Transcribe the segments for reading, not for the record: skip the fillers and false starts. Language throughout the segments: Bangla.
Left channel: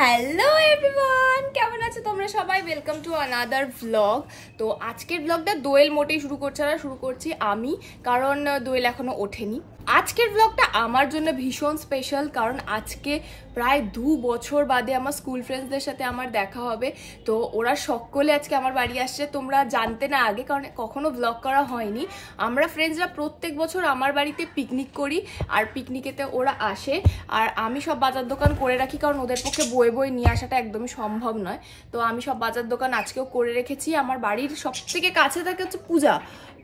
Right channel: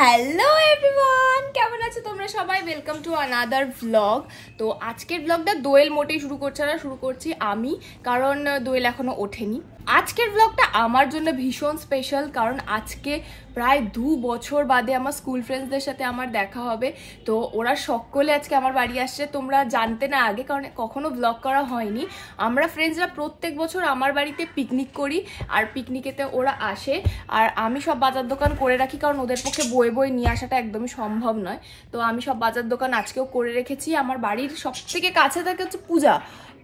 হ্যালো এভরিওয়ান, কেমন আছো তোমরা সবাই? Welcome to another vlog. তো আজকের ভ্লগটা দোয়েল মোটেই শুরু করছে না, শুরু করছি আমি, কারণ দোয়েল এখনো ওঠেনি। আজকের ভ্লগটা আমার জন্য ভীষণ স্পেশাল, কারণ আজকে প্রায় 2 বছর বাদে আমার স্কুল ফ্রেন্ডসদের সাথে আমার দেখা হবে। তো ওরা সকলে আজকে আমার বাড়ি আসছে। তোমরা জানতে না আগে, কারণ কখনো ভ্লগ করা হয়নি। আমরা ফ্রেন্ডসরা প্রত্যেক বছর আমার বাড়িতে পিকনিক করি, আর পিকনিকেতে ওরা আসে, আর আমি সব বাজার দোকান করে রাখি, কারণ ওদের পক্ষে বয়ে বয়ে নিয়ে আসাটা একদমই সম্ভব নয়। তো আমি সব বাজার দোকান আজকেও করে রেখেছি। আমার বাড়ির সব থেকে কাছে থাকে হচ্ছে পূজা।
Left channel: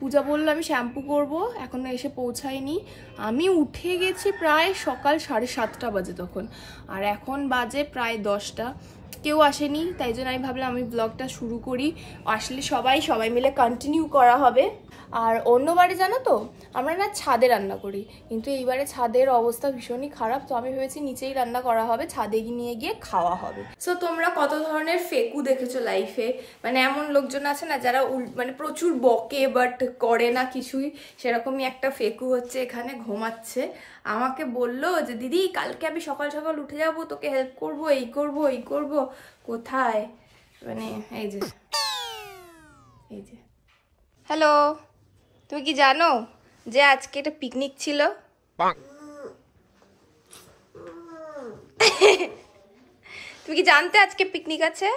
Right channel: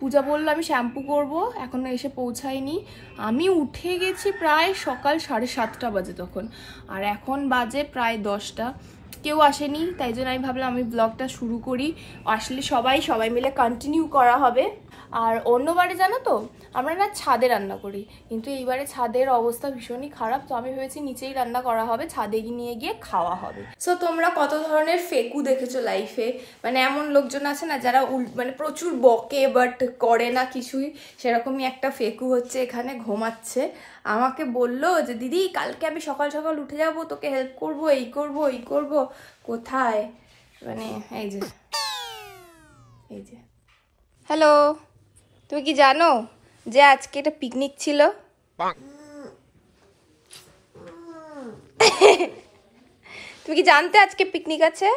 পূজা বললো আমি শ্যাম্পু করবো, এখনো এসে পৌঁছায়নি। আমি উঠে গেছি প্রায় সকাল 7:30 বাজে তখন, আর এখন বাজে প্রায় 10টা। কেউ আসেনি, তাই জন্য আমি ভাবলাম আমি ব্লগটা শুরু করি। আসলে সবাই মিলে কন্টিনিউ করা হবে। আর অন্যবারে জানো তো আমরা না ছাদে রান্না করি, কিন্তু এইবারে ছাদের অবস্থা ভীষণই খারাপ। তো আমি ভেবেছি নিচেই রান্না করা হবে, ছাদে নিয়ে গিয়ে খাওয়া হবে। সো তোমরা কত ধরনের ফেকু দেখেছো লাইফে, মানে এমন লোকজন আছে না যারা মানে প্রচুর বকে বাট করে না কিছুই, সেরকমই একটা ফেকু হচ্ছে এখানে ঘুমাচ্ছে। আমাকে বললো যে দিদি কালকে আমি সকাল সকাল উঠে যাবো, তোকে হেল্প করবো, এই করবো এই করবো। কোথায়, মানে এই যে হ্যালো, তুমি কি জানো যে আজকে এটা পিকনিক ছিল? তুমি কি জানতে আজকে পিকনিক আছে?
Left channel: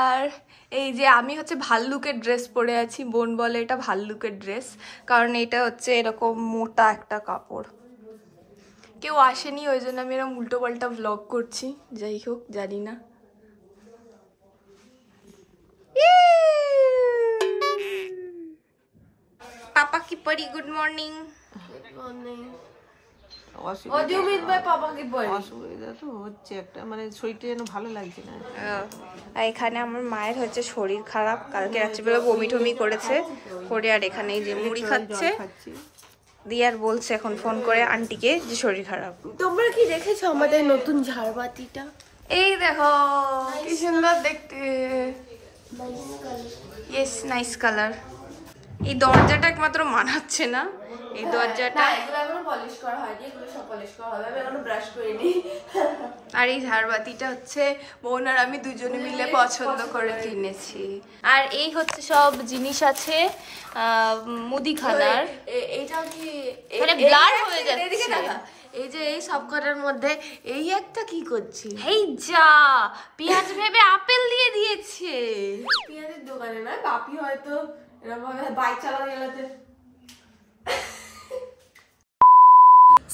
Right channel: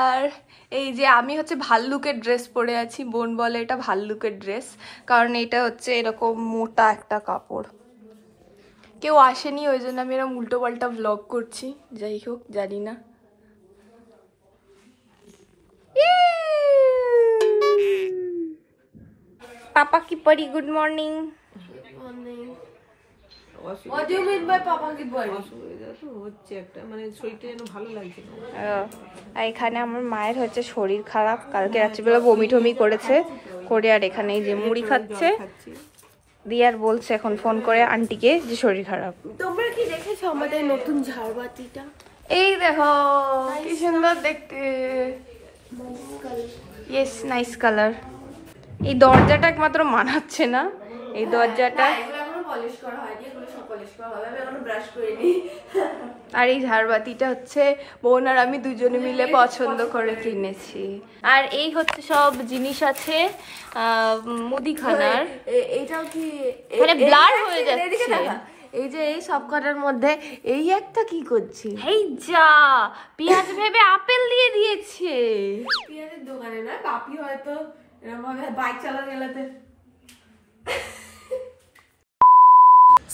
আর এই যে আমি হচ্ছে ভাল্লুকের ড্রেস পরে আছি। বোন বলে এটা ভাল্লুকের ড্রেস, কারণ এটা হচ্ছে এরকম মোটা একটা কাপড়। কেউ আসেনি, ওই জন্য আমি এরকম উল্টো পাল্টা ভ্লগ করছি। যাই হোক, জানি না। পাপা কি পরি, গুড মর্নিং। এখানে আমার মায়ের হচ্ছে শরীর খারাপ, কালকে রাত্রিবেলা বমি টমি করেছে করে, আর এখানে এই যে মুড়ি খাচ্ছে। দিয়ার বলছে এখন ফোন করে আন্টিকে যে শরীর খারাপ। তোমরা কি দেখেছো আমাদের নতুন ঝাড়বাতিটা? এই দেখো কি সুন্দর দেখতে। Yes, nice colour. এই দরজাটা একমাত্র মানাচ্ছে না, এই দরজাটা। আর এই ঝাড়বাতিটা হচ্ছে বোন আর আমি দুজনে মিলে পছন্দ করে কিনেছি। আর এই হচ্ছে সব জিনিস আছে মুদিখানার। এটা কি মানে ব্লার হয়ে যাচ্ছে। এই যে এই সব কটার মধ্যে এই একটা কি করছি? এই যা, পেঁয়াজ ভেবে আপেল দিয়ে দিয়েছে। পেঁয়াজের দোকানে না, বাপি হয়তো এরকম ভাবে বাইক চালাতে গেলাতে।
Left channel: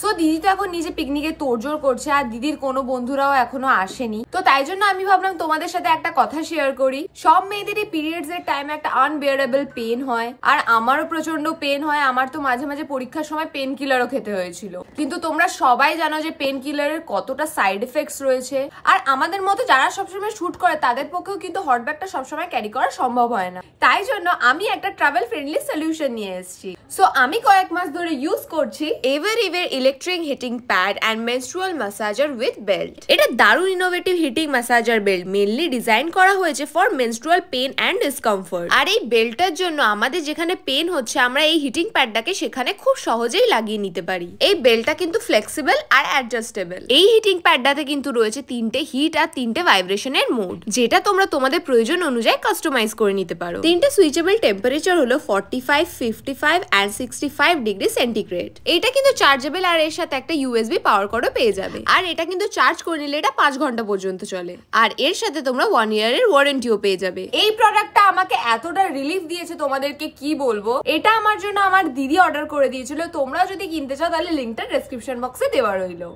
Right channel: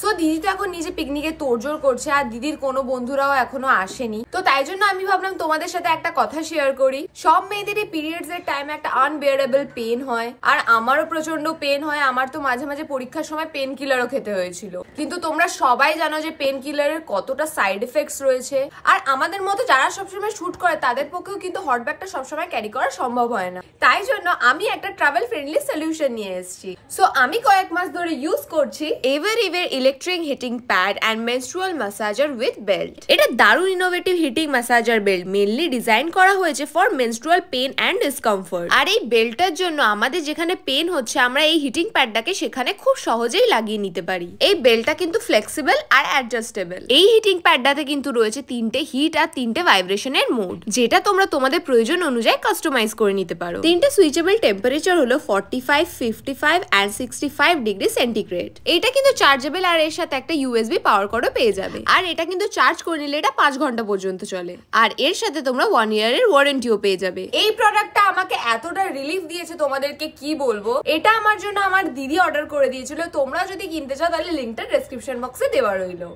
তো দিদি তো এখন নিজে পিকনিকে তোড়জোড় করছে, আর দিদির কোনো বন্ধুরাও এখনো আসেনি। তো তাই জন্য আমি ভাবলাম তোমাদের সাথে একটা কথা শেয়ার করি। সব মেয়েদেরই পিরিয়ডস এর টাইমে একটা আনবিয়ারেবল পেন হয়, আর আমারও প্রচন্ড পেন হয়। আমার তো মাঝে মাঝে পরীক্ষার সময় পেন কিলারও খেতে হয়েছিল। কিন্তু তোমরা সবাই জানো যে পেন কিলারের কতটা সাইড এফেক্টস রয়েছে, আর আমাদের মতো যারা সবসময় শুট করে তাদের পক্ষেও কিন্তু হট ব্যাগটা সবসময় ক্যারি করা সম্ভব হয় না। তাই জন্য আমি একটা ট্রাভেল ফ্রেন্ডলি সলিউশন নিয়ে এসেছি। সো আমি কয়েক মাস ধরে ইউজ করছি ever electric heating pad and menstrual massager with belt. এটা দারুণ innovative heating massager belt, mainly design করা হয়েছে for menstrual pain and discomfort. আর এই বেল্টটার জন্য আমাদের যেখানে পেন হচ্ছে, আমরা এই হিটিং প্যাডটাকে সেখানে খুব সহজেই লাগিয়ে নিতে পারি। এই বেল্টটা কিন্তু ফ্লেক্সিবল আর অ্যাডজাস্টেবল। এই হিটিং প্যাডটাতে কিন্তু রয়েছে 3টে হিট আর 3টে ভাইব্রেশনের মোড, যেটা তোমরা তোমাদের প্রয়োজন অনুযায়ী কাস্টমাইজ করে নিতে পারো। 3টে সুইচেবল টেম্পারেচার হলো 45, 55 অ্যান্ড 65 ডিগ্রি সেন্টিগ্রেড। এটা কিন্তু চার্জেবল, আর এর সাথে একটা ইউএসবি পাওয়ার কর্ডও পেয়ে যাবে। আর এটা কিন্তু চার্জ করে নিলে এটা 5 ঘন্টা পর্যন্ত চলে, আর এর সাথে তোমরা 1 ইয়ারের ওয়ারেন্টিও পেয়ে যাবে। এই প্রোডাক্টটা আমাকে এতটা রিলিফ দিয়েছে তোমাদেরকে কি বলবো। এটা আমার জন্য আমার দিদি অর্ডার করে দিয়েছিল। তোমরা যদি কিনতে চাও তাহলে লিংকটা ডেসক্রিপশন বক্সে দেওয়া রইলো।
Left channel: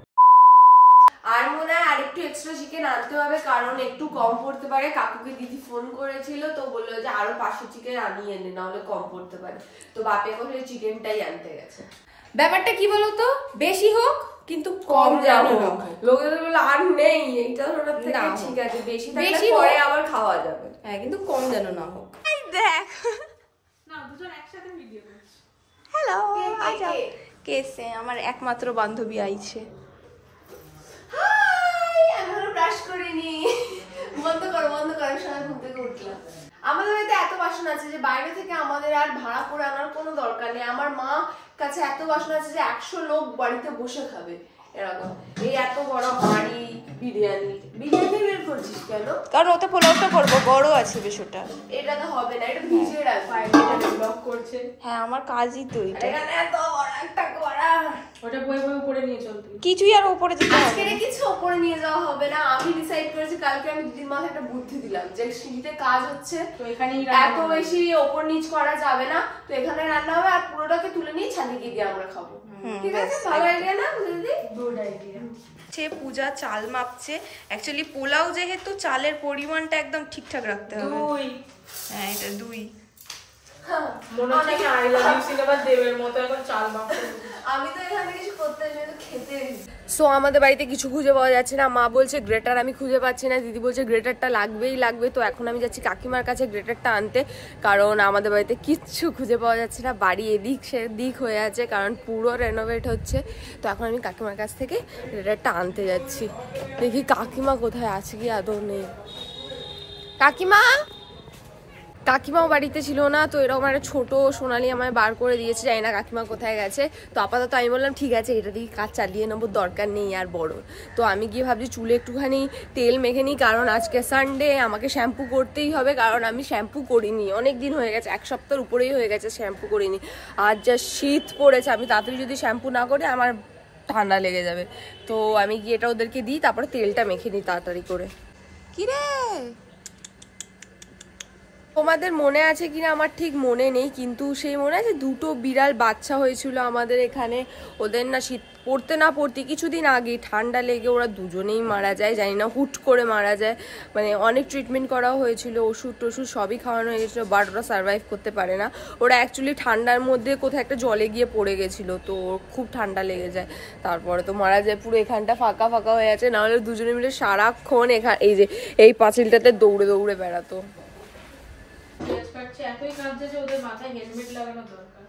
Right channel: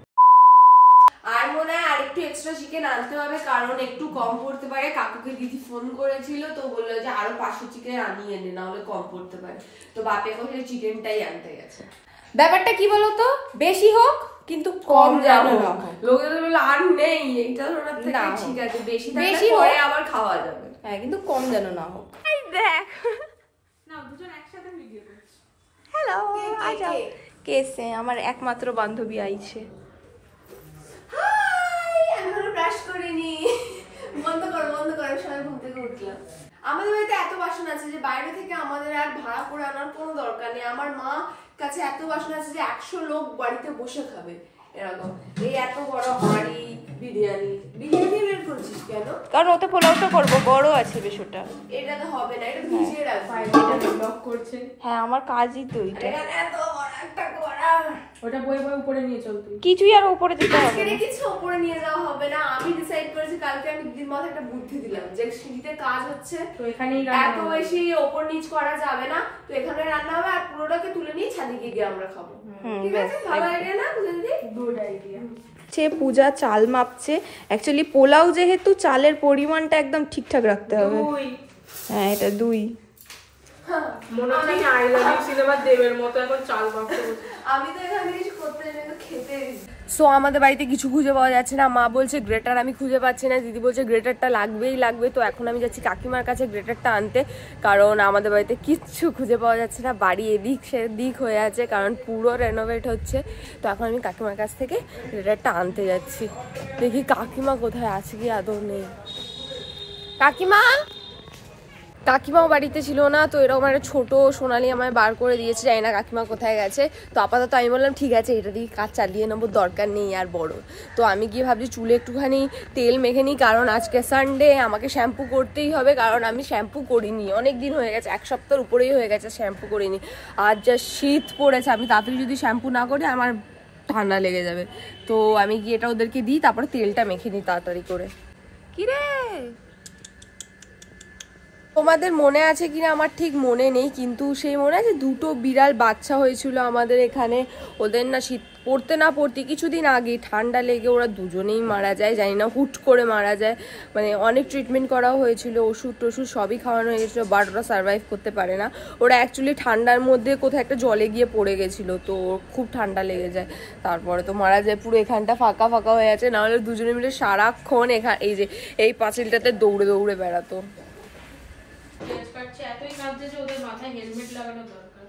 আর মনে হয় আরেকটু এক্সট্রা চিকেন আনতে হবে, কারণ একটু কম পড়তে পারে। কাকুকে দিদি ফোন করেছিল, তো বললো যে আরো 500 চিকেন আনিয়ে এনে, না হলে কম পড়তে পারে। তো বাপে করে চিকেনটাই আনতে গেছে। ব্যাপারটা কি বলতো, বেশি হোক কিন্তু কম যেন না হোক। লোকেদের বলে আর নেই, এইটা ধরার থেকে ঠিক আছে, বেশি হয়ে আবার খাওয়া যাবে। হ্যাঁ, কিন্তু কম যেন না হোক। দেখ না, দুজন একসাথে ভিডিও করছি। হ্যালো, আচ্ছা কেসে আমার একমাত্র বান্ধবী আইছে। হাই, আমি তো ব্রাশ করিনি। বন্ধ করো, সবাই ঘুম থেকে উঠলাম। আমাদের বাড়িতে এত বাসন আছে যে বাইরে থেকে আমাদের আর ভাড়া করে আনার কোনো দরকার নেই। আমার মা কাছে এত বাসন আছে যে 100 লোক বাড়িতে বসে খাবে এরকম। এই এত বড় হাঁড়ি বিরিয়ানি বের করছিস কেন? কারণ ওতে পোলাওটা করবো, বড় আছে বেশ ওটা। এটা তো হবে না, এটা ভিজিয়ে রাখবো। এটা ব্লক করছে। হ্যাঁ আমার কাজই তো এটা। এত বড় একটা কড়া, ওটা বইভাবে উপরে নিয়ে চলতে কিছুই আর উপরে যেতে হবে আজকে না। কিছু উপরে নিয়ে যাওয়া হবে না। আমি ডিসাইড করেছি কালকে আমি দিদির মাথায় একটা বুদ্ধি দিলাম যে সিঁড়িতে কাজ হচ্ছে তো এখানেই এত বেশি ওপর নিচ করা যাবে না, তো এখানে রান্না হবে আর পুরোটাকে তুলে নিয়ে ছাদে গিয়ে আমরা খাবো। ঠিক আছে, ভালো আইডিয়া না দিদি? Good idea. সে পূজা চাল মাপছে। অ্যাকচুয়ালি পোলাও যেহেতু চালের পরিমাণটা একদম ঠিকঠাক রাখতে হবে। হ্যাঁ এটা 2। মনে হচ্ছে আমি আই লাভ ইউ সিনেমার দেবের মতো এখন চাল মাখবো। আমি তো এখানে কিছু করতে চাই না, খেতে। সো আমাদের বাড়িতে কিছু খুঁজে পাওয়া যাচ্ছে না। মা বলছে গ্রেটার আমি খুঁজে পাচ্ছি না, দিদি বলছে গ্রেটারটা লাগবেই লাগবে। তো এখন আমি যাচ্ছি কাকিমার কাছে গ্রেটারটা আনতে, কারণ আমাদের বাড়িতে কিচ্ছু খুঁজে পাওয়া যাচ্ছে না। বাড়ি এদিক সেদিক হয়ে আছে, কারণ পুরো রেনোভেট হচ্ছে। তো এখন আমি কাকিমার কাছ থেকে গ্রেটারটা আনতে যাচ্ছি। দেখি কাকিমা কোথায় আছে কি আদৌ নেই। কাকিমাও বাড়িতে ছিল না, তো এরকম একটা ছোট সোনালি আমায় বার করে দিয়েছে, জানি না কাকিমা কোথায় গেছে। তো আপাতত আমি বললাম ঠিক আছে এটা দিয়ে কাজ চালিয়ে নেবো, দরকার নেই আর বড়। তো আমি গিয়ে ভাবছি চুলে একটুখানি তেল মেখে নিই, কারণ আজকে সানডে, আমাকে শ্যাম্পু করতেই হবে। কারণ আমি শ্যাম্পু করিনি অনেক দিন হয়ে গেছে, 1 সপ্তাহের উপরেই হয়ে গেছে শ্যাম্পু করিনি। আর যা শীত পড়েছে, আমি তাড়াতাড়ি যদি শ্যাম্পু না করি আমার ঠান্ডা লেগে যাবে। তো আমি গিয়ে এটা ওদেরকে দিই, তারপরে তেলটা মেখে নিই তাড়াতাড়ি করে। কিরে তোমাদের মনে আছে কিনা আমার ঠিক মনে নেই, কিন্তু সেই মনে আছে 2টো বিড়াল বাচ্চা হয়েছিল আমাদের এখানে। ওদের না শীত পড়তে না পড়তে কিছুদিন আগে ঠান্ডা লেগে ওরা দুজনেই মারা যায়, জানি না হুট করে মারা যায়। মানে অনেক ট্রিটমেন্ট করা হয়েছিল, ওষুধ টষুধ সবই খাওয়ানো হয়ে গেছিলো, বাট ওরা সার্ভাইভ করতে পারে না। ওরা অ্যাকচুয়ালি ঠান্ডার মধ্যে কোথাও একটা জলে গিয়ে পড়ে গেছিলো, তো খুব ঠান্ডা লেগে যায়, তারপরে তো মারা যায়। পুরো এখানটা ফাঁকা ফাঁকা হয়ে আছে, নাহলে দুজনে মিলে সারাক্ষণ এই যে এই পাঁচিলটাতে দৌড়ে দৌড়ে বেড়াতো। এতই কাঁদছে যে ওদের মাথায় হেলমেট লাগানো দরকার।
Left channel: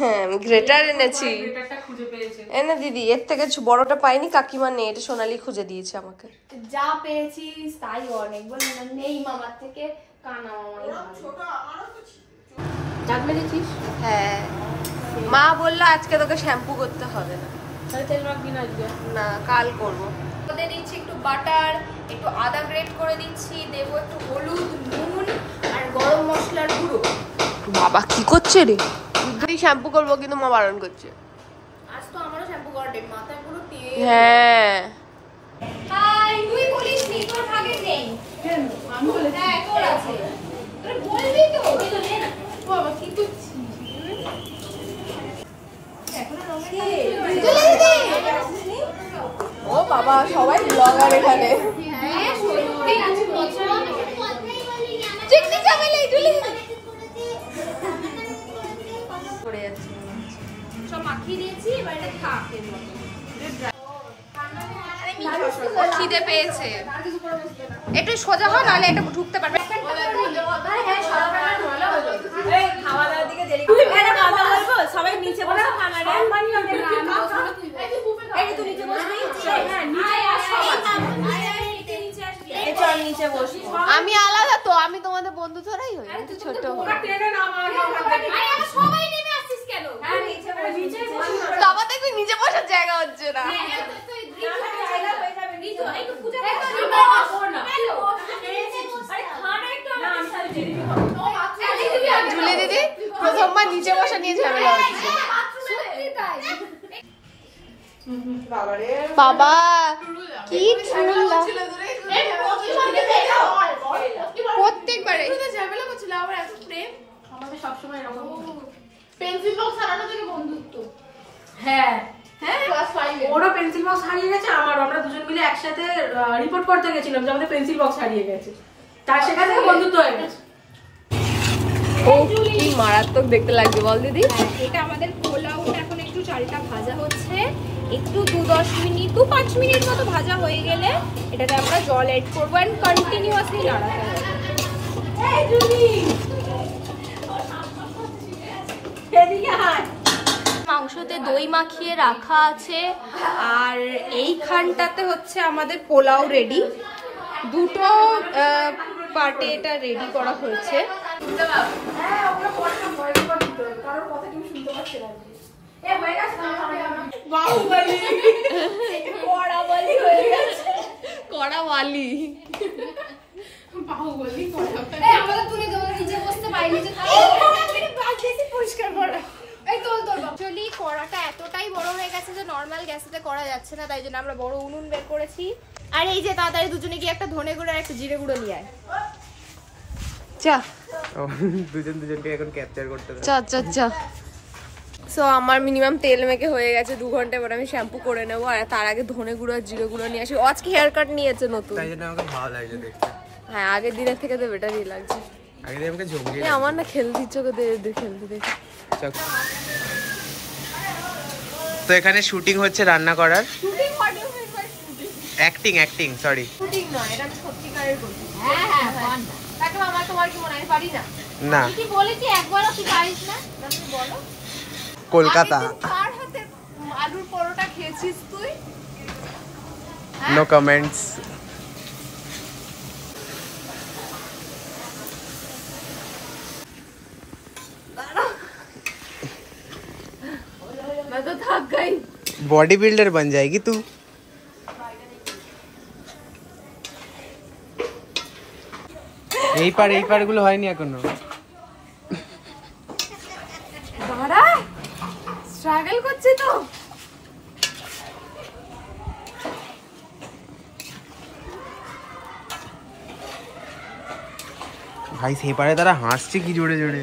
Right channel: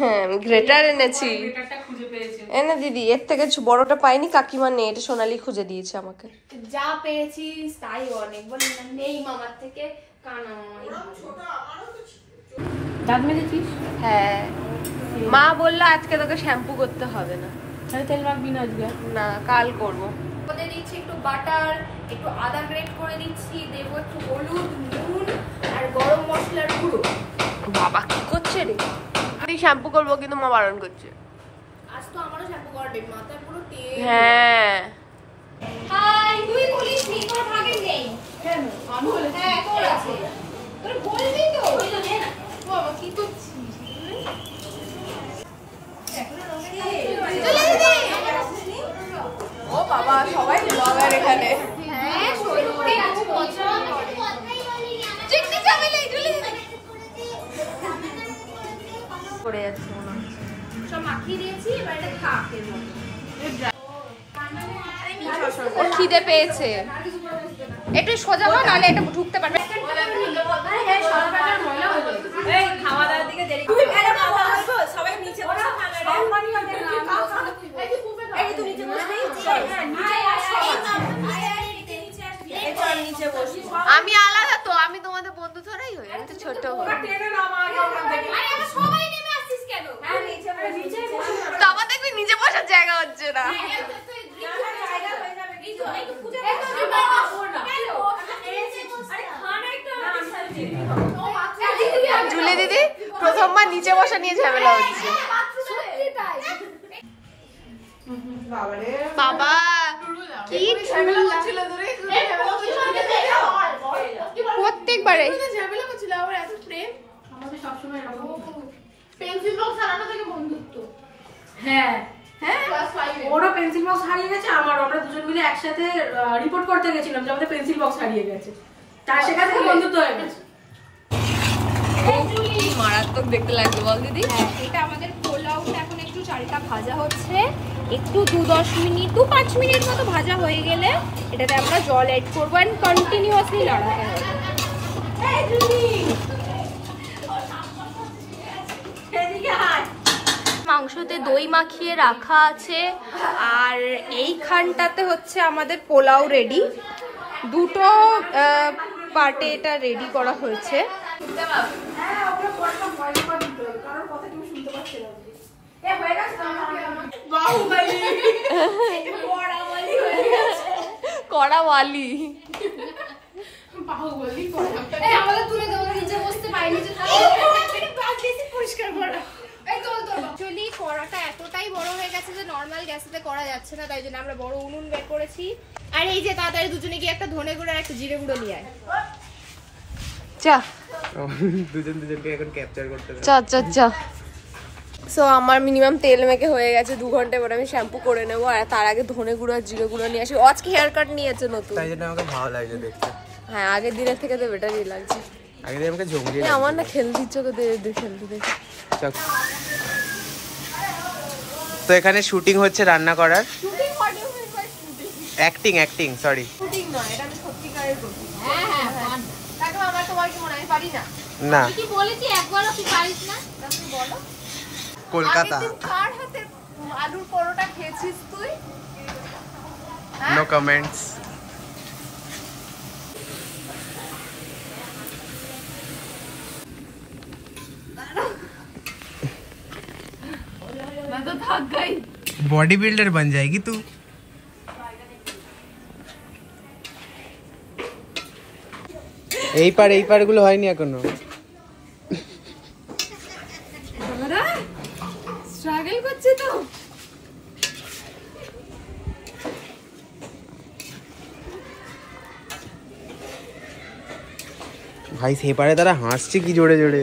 হ্যাঁ আমি গ্রেটার এনেছি। গ্রেটারটা খুঁজে পেয়েছে। এনে দিদি, এর থেকে বড়টা পাইনি, কাকিমা নেই, এটা সোনালি খুঁজে দিয়েছে আমাকে। যা পেয়েছিস তাই অনেক, বলি না নেই মামার থেকে কানা মামাই দাঁত মেজেছিস? হ্যাঁ মা বললো আজকে তোকে শ্যাম্পু করতে হবে না। তেল মাখবি না আজকে? না কাল করবো। ওতে দিচ্ছি একটু বাটার, একটু আদা গ্রেট করে দিচ্ছি, দেবো একটু হলুদ, নুন আর গরম মশলার গুঁড়ো। বাবা কি করছে রে? আমি শ্যাম্পু করবো কিন্তু মা বারণ করছে। আজ তো আমারও শ্যাম্পু করা ডেট, মাথায় পুরো তেল। হ্যাঁ হাই, তুই বলিস নি, কোনো ভাগে নেই। কেন? আমি বলেছি। হ্যাঁ তোর আছে, তোর বলবি তো। নে না বাবা, কি করছিস? ও বাবা সবাই ব্লগার এখানে। হ্যাঁ সত্যি খুব পছন্দ। চিকনি চামেলি তুলি করে যাচ্ছে মনে হচ্ছে। সব মাখিয়ে দিয়েছি, এবার এটা থাক এর মতো। ও খিদে পেয়েছে, একটু সোজা হয় নাহলে এটা ঢুকতে পারবে। আমি আলাদা তো, আমি তোমাদের বন্ধু ধরাই হই, আমি তো ছোট হই। সবাই নেমে আসছিস কেন? তো আমার দেখবি নিচে বসার জায়গা হচ্ছে না। ঝুলে দিদি প্রথমবার নিচে বসা নিয়ে ঝামেলা হচ্ছে। বাবা কি ঝুলা প্রত্যেকবারে ঝামেলা করছিল আবার এত প্রেম। আমাদের সবসময় এরকম। পেন্সিল বক্স হারানো থেকে বন্ধুত্ব। হ্যাঁ ক্লাস 5 এ ওরা পেন্সিল বক্স হারিয়ে গেছে, আমারও। আমরা দুজন মিলে একসাথে রিপোর্ট করতে গেছিলাম যে আমাদের পেন্সিল বক্স হারিয়ে গেছে, তার সেখান থেকে বন্ধুত্ব হয়ে গেছে। কি মারাত্মক দেখতে লাগছে বল দিদি। এটা আমাদের পোলাওটা এখন একটু চালটা ভাজা হচ্ছে, একটু 2-10 মিনিট 2-5 মিনিট মতো ভাজা হয়ে গেলে এটাতে আমরা জল অ্যাড করবো এন্ড কন্টিনিউয়াসলি লড়াবো। এই জুলি এদিকে হাত। মাংসতে দই মাখিয়ে রাখা আছে, আর এইখানটাতে হচ্ছে আমাদের পোলাও রেডি। 2টো পার্টে এটা রেডি করা হয়েছে। কড়াওয়ালি আমাদের তুলে দেবো, নিচে বসতে পারি, নিচে পরিষ্কার করা। Actually কড়াটা এতটাই বড় হয়ে গেছে যে নরমাল গ্যাসেতে করা যাচ্ছে না, তাই জন্য আমরা বড় উনুন বের করেছি। আর এই যে তাড়াতাড়ি দুজনে গিয়ে একটা ধনে গুঁড়ো আর একটা জিরে গুঁড়ো নিয়ে আয়। চা দুজনকে এখন ক্যাপচার করতে হবে। চা চা চা। সো আমার মিনিমাম তেল মেখে হয়ে গেছে, 2 ঘন্টা পরে আমি শ্যাম্পু করে নেবো। আর তার আগে ধনে গুঁড়ো আর জিরে গুঁড়ো নিয়ে আসি। আজকে হেয়ার কাট নিয়েছে নতুন, তাই জন্য আমাকে ভালো লাগছে দেখতে। হ্যাঁ আগের দিনের থেকে তো বেটারই লাগছে। আগে দিয়ে আমাকে জঙ্গলি আমার না খেলতে ইচ্ছে করে খেলতে দেখে। তো এখানে শুটিং হচ্ছে রান্না করার। Shooting what you mean by shooting? Acting sorry. Shooting নয়, এটা আমি সত্যিকারের করছি। হ্যাঁ তাকে আমার তোমার কি মনে হয় পারি না? না কি বলেছি একবারও তুই পারিস না? তুমি বলো। কলকাতা। কার হাতে আলুর পরোটা খেয়েছিস তুই? No comments. मैं तो थक गई। बॉडी बिल्डर बन जाएगी तू। এই পার গুলো হয়নি এখনো। দাঁড়া, স্ট্রাগল করছে তো। ভাই সেই পারে তারা হাসছে কি জোরে জোরে।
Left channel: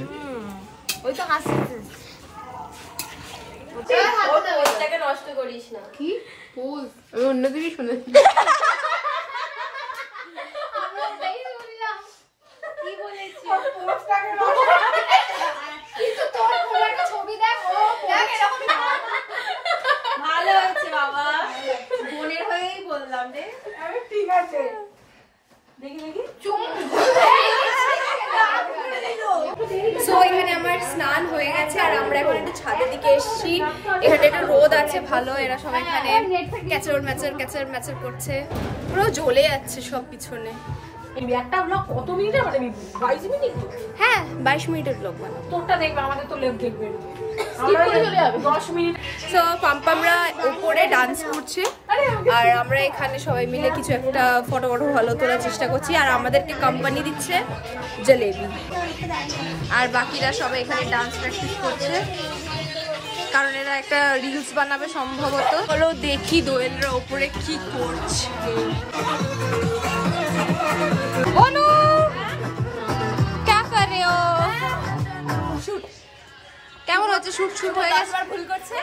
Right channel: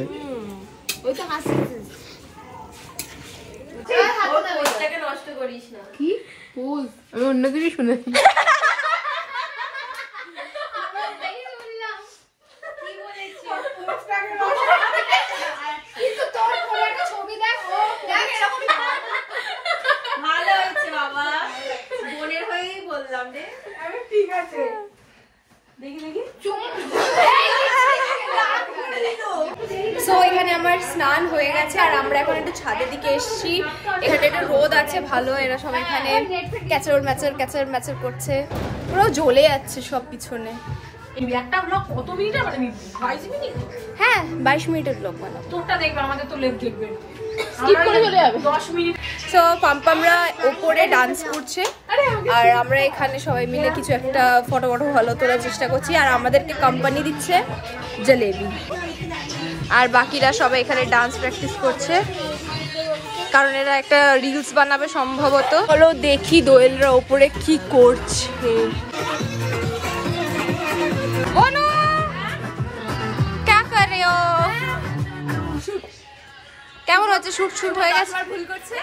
ওই তো হাসছে। নষ্ট করিস না। কি পোজ? আমি অন্য কিছু শুনেছি। কি বলেছি? কিন্তু তোর কোনো একটা ছবি দেখ, দেখ এরকম ভালো হয়েছে বাবা, বোনের হয়েই বললাম রে। আমি ঠিক আছে, দেখি সো এখানে আমার স্নান হয়ে গেছে আর আমরা এখন একটু ছাদের দিকে এসেছি। এখানে একটু রোদ আছে ভালো, এরা সব এখানে ক্যাচার ম্যাচার করছে, পুরো জ্বলে যাচ্ছে সব পিছনে। একটা ব্লগ কত মিনিটে বানাবি? 22 মিনিট? হ্যাঁ 22 মিনিটের ব্লগ বানাবো। তোরটা দেখবে, আমাদের তো লেট দেখবে, স্কিপ করে চলে যাবে 10 মিনিট। তো পাম্পামরা উপরে ডান্স করছে আর আমরা এখানে সবাই মিলে কিছু একটা ফটো ভালো তোলার চেষ্টা করছি। আর আমাদেরকে কোম্পানি দিচ্ছে জলেবি, আর বাকিরা সবাই এখানে ডান্স প্র্যাকটিস করছে কারণ এরা একটা রিলস বানাবে সম্ভবত। হলো দেখি দোয়েলরা উপরে কি করছে। অনু क्या कर रहे हो? কেমন হচ্ছে? শুট হয়ে গেছে। ভুল করছে।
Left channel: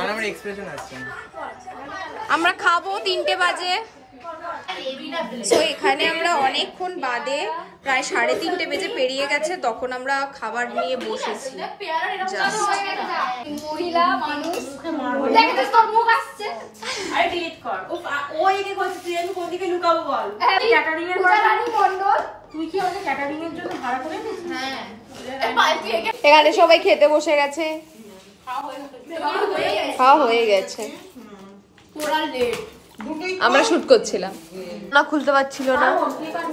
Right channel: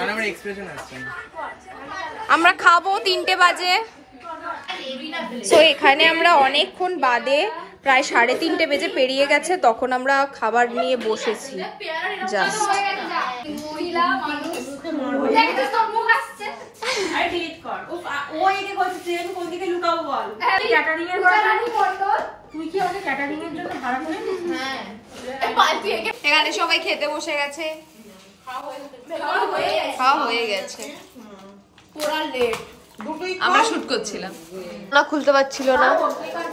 আমার এক্সপ্রেশন আসছে না। আমরা খাবো 3টে বাজে। সো এখানে আমরা অনেকক্ষণ বাদে প্রায় 3:30 বেজে পেরিয়ে গেছে, তখন আমরা খাবার নিয়ে বসেছি জাস্ট। আরে ডিলিট কর। ওই দেখো ট্রেন কোন দিকে লুকাবো বল। ক্যাটারিং এর মন্ডল, তুই কি আমাদের ক্যাটারিং এর জন্য ভাড়া করে নিস? হ্যাঁ। এখানে সবাই খেতে বসে গেছে, খাওয়া হয়ে গেছে। পুরা লেট। আমরা শুট করছিলাম না, খুলতে পারছিল না।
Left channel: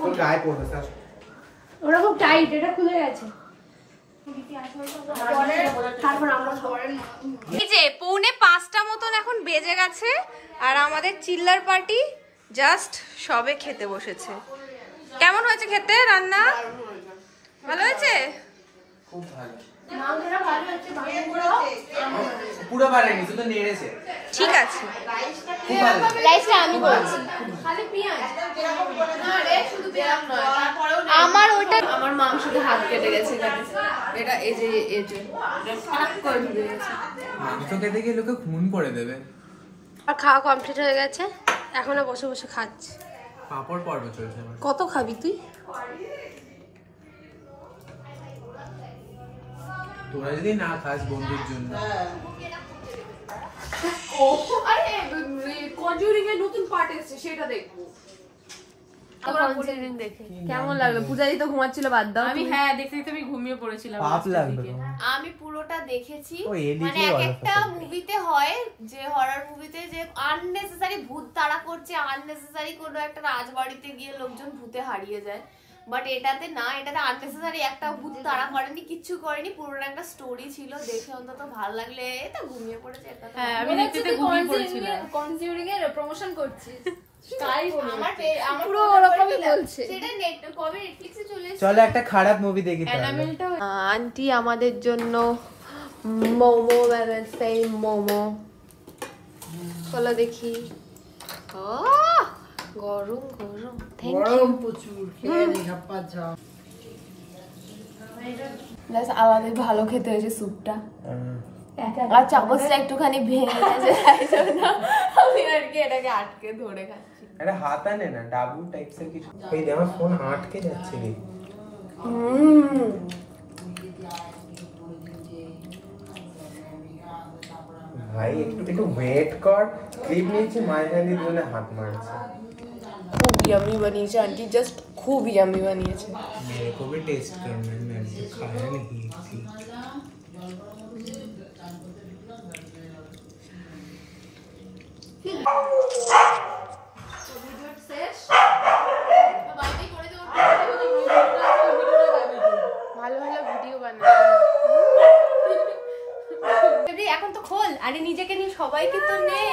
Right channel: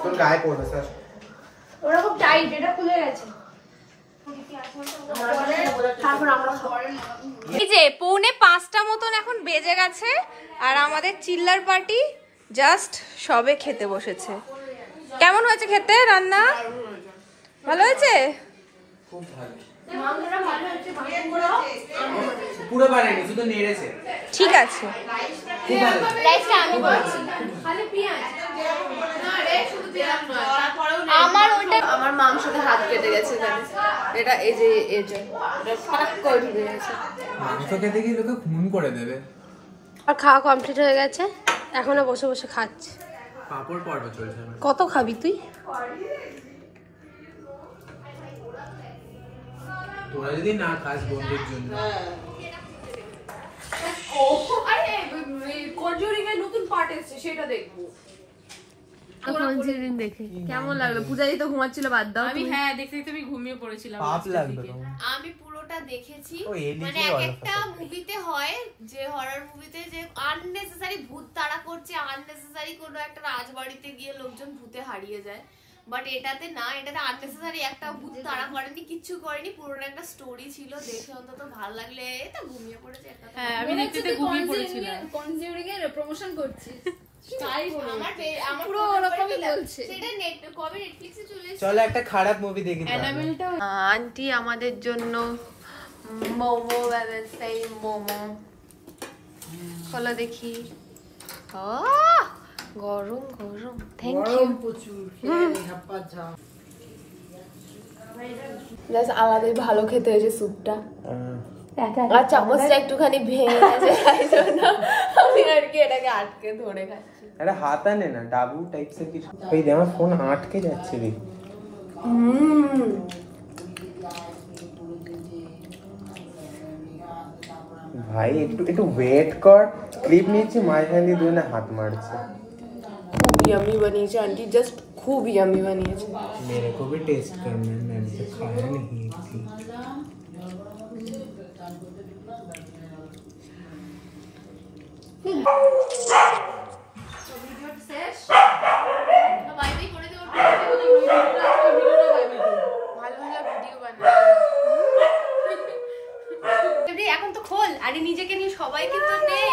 তোর গায়ে পড়বে স্যার। ওরা খুব টাইট, এটা খুলে গেছে। এই যে 4:45 মতন এখন বেজে গেছে আর আমাদের চিল্লার পার্টি জাস্ট সবে খেতে বসেছে। কেমন হয়েছে খেতে? রান্না ভালো হয়েছে? খুব ভালো। পুরো বানায়নি, শুধু নেড়েছে। ঠিক আছে, খুব ভালো। আমি বলছি খালি পেঁয়াজ আমার ওটা আমার মাংসতে হাত কেটে গেছে এখানে। এটা এই যে এটা ফাটাক করে ঢুকে গেছে। মাংস খেতে গিয়ে লোকে খুন করে দেবে। আর খাওয়া কমপ্লিট হয়ে গেছে, এখনো বসে বসে খাচ্ছি। পাপড় পর্ব চলছে আমার। কত খাবি তুই? তোরা যদি না খাস বন্ধুর জন্য। আরে কনজুরিং এর নতুন পার্ট এসেছে, সেটা দেখবো। কেমন লাগলো? পূজাদি তো ঘুমাচ্ছিল, বাদ দাও। আমি হ্যাঁ দেখতে দেখতে আমি ঘুমিয়ে পড়েছিলাম লাস্টের দিকে। আমি পুরোটা দেখেছি। ও, এদিকে মানে এক একটা মুভিতে হয় যে হরর মুভিতে যে আননেসেসারি ভূত তাড়া করছে, আননেসেসারি কোনো একটা রাজবাড়িতে গিয়ে লোকজন ভূতে হারিয়ে যায়। বাট এটাতে না, এটাতে আননেসেসারি একটা ভূত তাড়া করেনি, কিচ্ছু করেনি, পুরোটা একটা স্টোরি ছিল। দেখে অন্তত ভালো লাগলে। এটা ঘুমিয়ে পড়েছে একটা। হ্যাঁ আমি দেখতে ঘুমিয়ে পড়েছিলাম। কনজিউরিং এর প্রমোশন করছিস পুরো ওরকমই বলছে। সেটা কবে নেটফ্লিক্সে চলে এসেছে। চলো একটা খারাপ মুভি দেখি। আন্টি আমাদের জন্য মোমো বানাচ্ছে, মোমো চলো দেখি। গরম গরম, থ্যাংক ইউ। প্রচুর আলাদাই ভালো খেতে হয়েছে স্যুপটা। আর চামচটা একটুখানি ভেঙে গেছে, তাই জন্য আমি আর কি এটাকে আটকে ধরে খাচ্ছি। এটা হাত আনে না, ডাবু টাইপসের কিছু। ওই দে আমার ফোন আটকে যাচ্ছে রে। ভাই একটু ওয়েট কর। ক্লিপ নিয়েছি, মাঝখান দিয়ে দুজনে হাত মারছে। খুব ইয়ামি বানিয়েছে आंटी, जस्ट खूब यामी বানিয়েছে। मेरे को भी टेस्ट करना है, मैंने तो खाया नहीं थी। এখন তো খোল, আরে নিজেকে নিয়ে সবাইকে তো নে।